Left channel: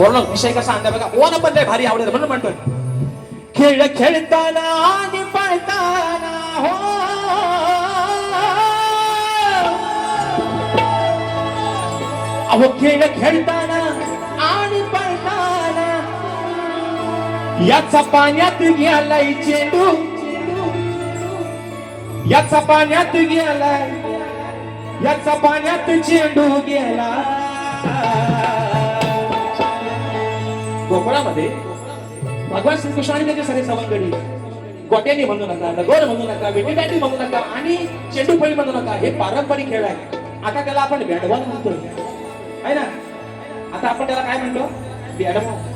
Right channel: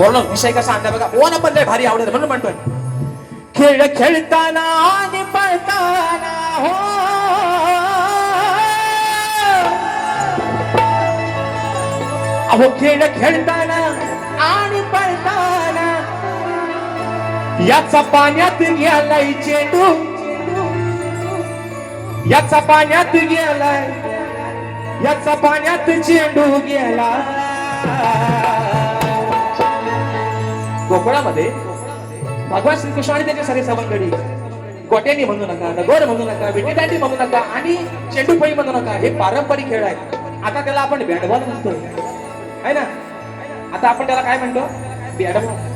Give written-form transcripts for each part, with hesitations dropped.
बोललो विषय कसा आणला बघा. ओना पण लय भारी आवडत म्हणून म्हणतोय. खेळ खेळताना आणि पळताना हो अहो खेळ खेळताना आणि पळताना याचा पाण्यात गेलाय चेंडू, याचा पाण्यात गेलाय, याचा पाण्यात चेंडू गेला. कोकणामध्ये भगवान श्रीकृष्ण आणि त्याचे सगळे सवंगडी गोट्यानी म्हणू नका, लगोर म्हणू नका, विटीदांडी म्हणू नका आणि चेंडूफळी म्हणू नका. हे पारंपरिक खेळ आहे. आता त्याला आपण बॅटबॉल म्हणतोय आहे ना. आता आपण त्याला काय म्हणतो? बॅटबॉल.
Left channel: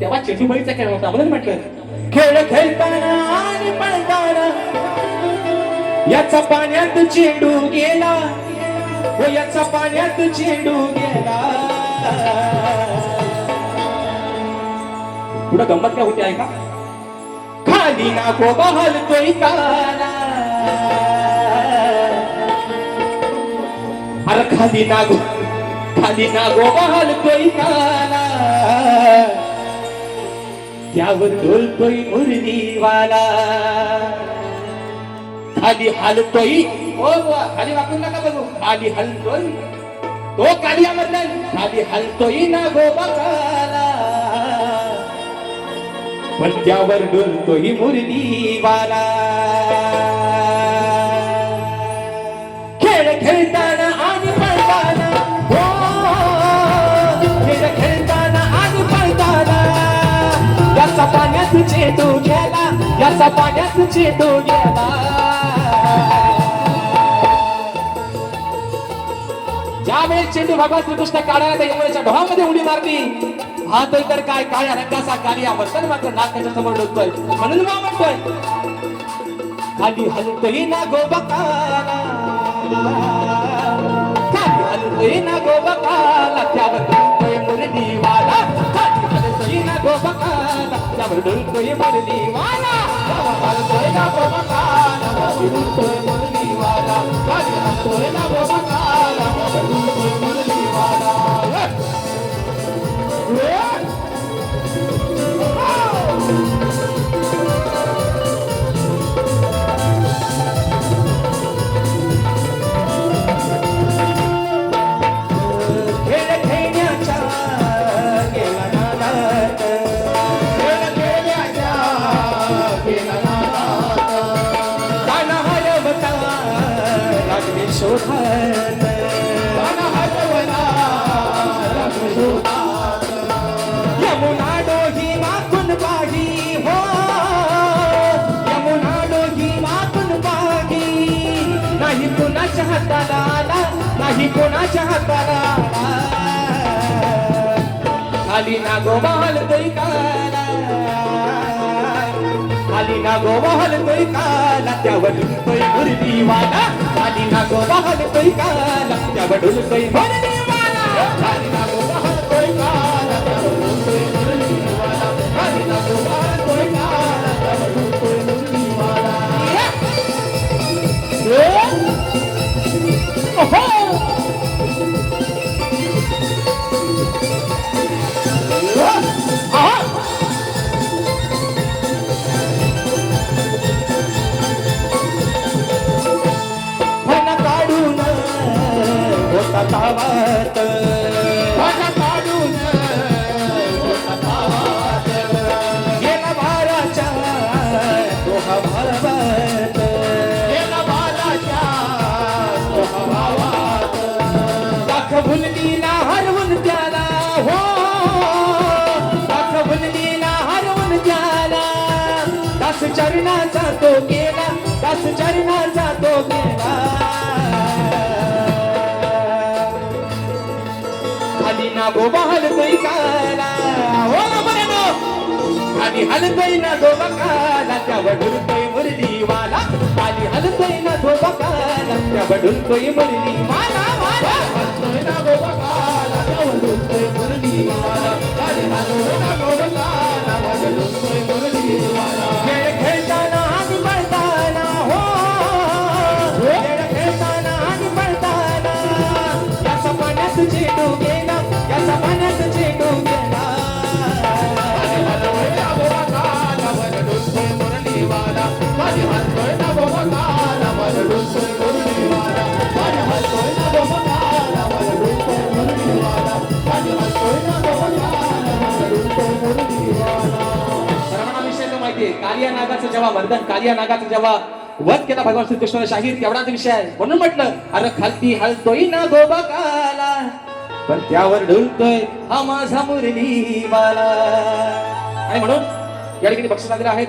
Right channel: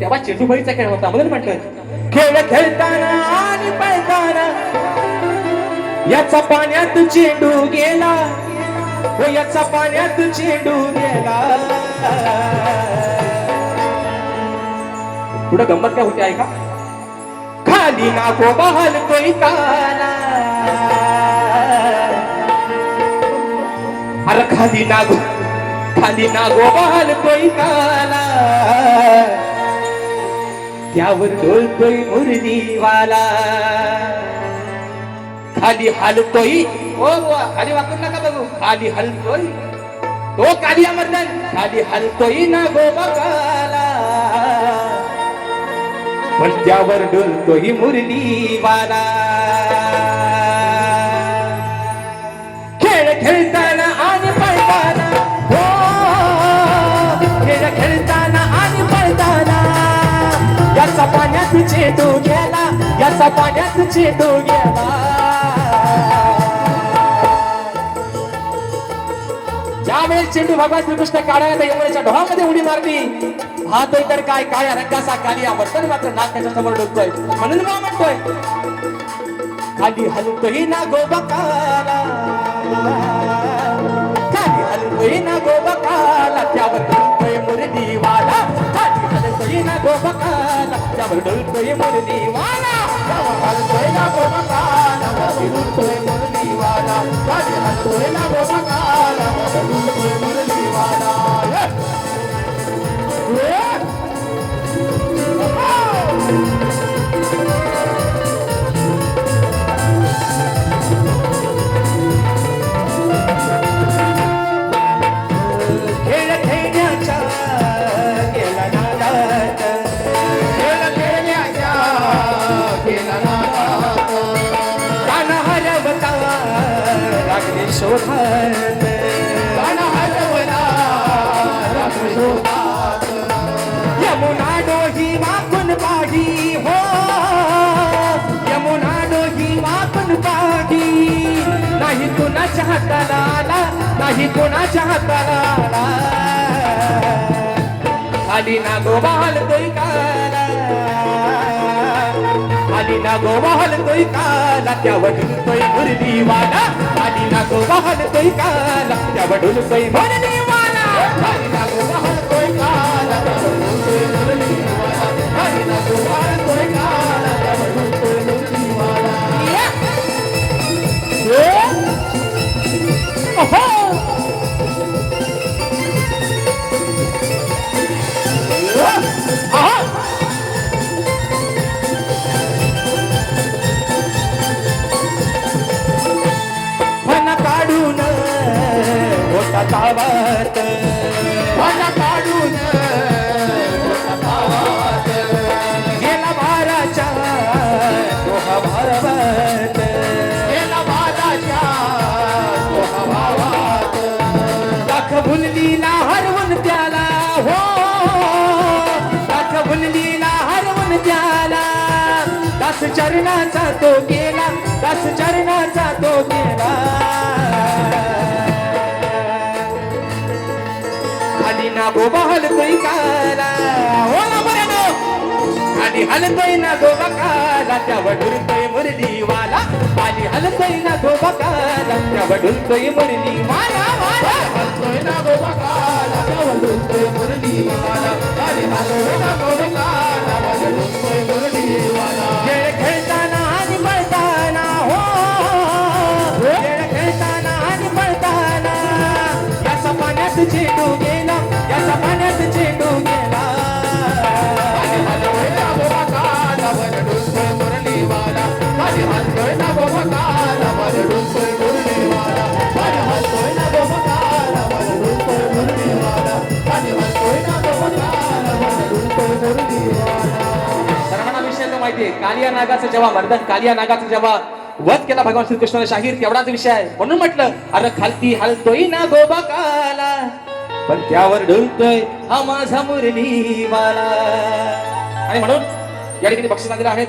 तेव्हा चेंडूफळीचा खेळ होता म्हणून म्हणतोय. खेळ खेळताना आणि पळताना याचा पाण्यात चेंडू गेला, हो याचा पाण्यात चेंडू गेला. पुढे गंमत काय होती आहे का? खाली नागोबा हलतोय ताना, अरे खाली नागोबा हलतोय ताना, त्यावर डोलतोय मुरलीवाला. खाली हलतोय, हो खाली वाकून नका बघू, खाली हलतोय तो कालिया मधला, खाली हलतोय नागोबा काला, पण त्यावर डोलतोय मुरलीवाला. खेळ खेळताना आणि पळताना हो, खेळ खेळताना आणि पळताना याचा पाण्यात चेंडू गेला, याचा पाण्यात चेंडू गेला. ज्यावेळेस चेंडू भगवान श्रीकृष्ण काढायला यमुनेच्या डोहामध्ये उडी मारली, हा तो इतर काय काळ्या रंगाचा कालिया वर्तन मात्र नाक त्याच्या समोर डोलतोय. म्हणून मग म्हणतोय खाली हलतोय नागोबा काला, खाली हलतोय नागोबा काला, त्यावर डोलतोय मुरलीवाला. खाली हलतोय नागोबा काला, त्यावर डोलतोय मुरलीवाला. त्यावर हलतोय नागोबा काला, त्यावर डोलतोय मुरलीवाला. खाली हलतोय नागोबा काला, त्यावर डोलतोय मुरलीवाला. यमुना डोही मागून पाही हो, यमुना डोही मागून पाही, नाही कुणाच्या हाताला आला, नाही कुणाच्या हाताला आला. खाली नागोबा हलतोय काला, खाली नागोबा हलतोय काला, त्यावर डुलतोय मुरलीवाला. खाली नागोबा हलतोय काला, त्यावर डुलतोय मुरलीवाला. खाली नागोबा हलतोय काला, त्यावर डुलतोय मुरलीवाला. खाली नागोबा हलतोय काला, त्यावर डुलतोय मुरलीवाला. ओहो तावात, भाला काढून होता तावात, गेला भाराच्या डोहा भावात, गेला भाराच्या डोहा भावात. दाखवून दिला हरवून त्याला हो, दाखवून दिला हरवून त्याला. दास चरणाचा तो गेला, दास चरणाचा तो गेला. नागोबा हलतोय काला हो बरं, खाली हलतोय नागोबा काला, त्यावर डुलतोय मुरलीवाला. खाली हलतोय नागोबा काला, त्यावर डुलतोय मुरलीवाला. हलतोय नागोबा काला, त्यावर डुलतोय मुरलीवाला. खाली हलतोय नागोबा काला, त्यावर डुलतोय मुरलीवाला. खेळ खेळताना आणि पळताना हो, खेळ खेळताना आणि पळताना याचा पाण्यात चेंडू गेला, याचा पाण्यात चेंडू गेला. नागाचं जेव्हा मर्दन कालिया नागाचं जेव्हा वध केला भगवान श्रीकृष्णाने शाहीर तेवढाच विषय आहे. म्हणून म्हटलं अरे खालती हलतोय ना गोबा काला पण त्यावर डुलतोय हा माझा मुरली माला. आणि म्हणून या ठिकाणी बक्षिस आहेत.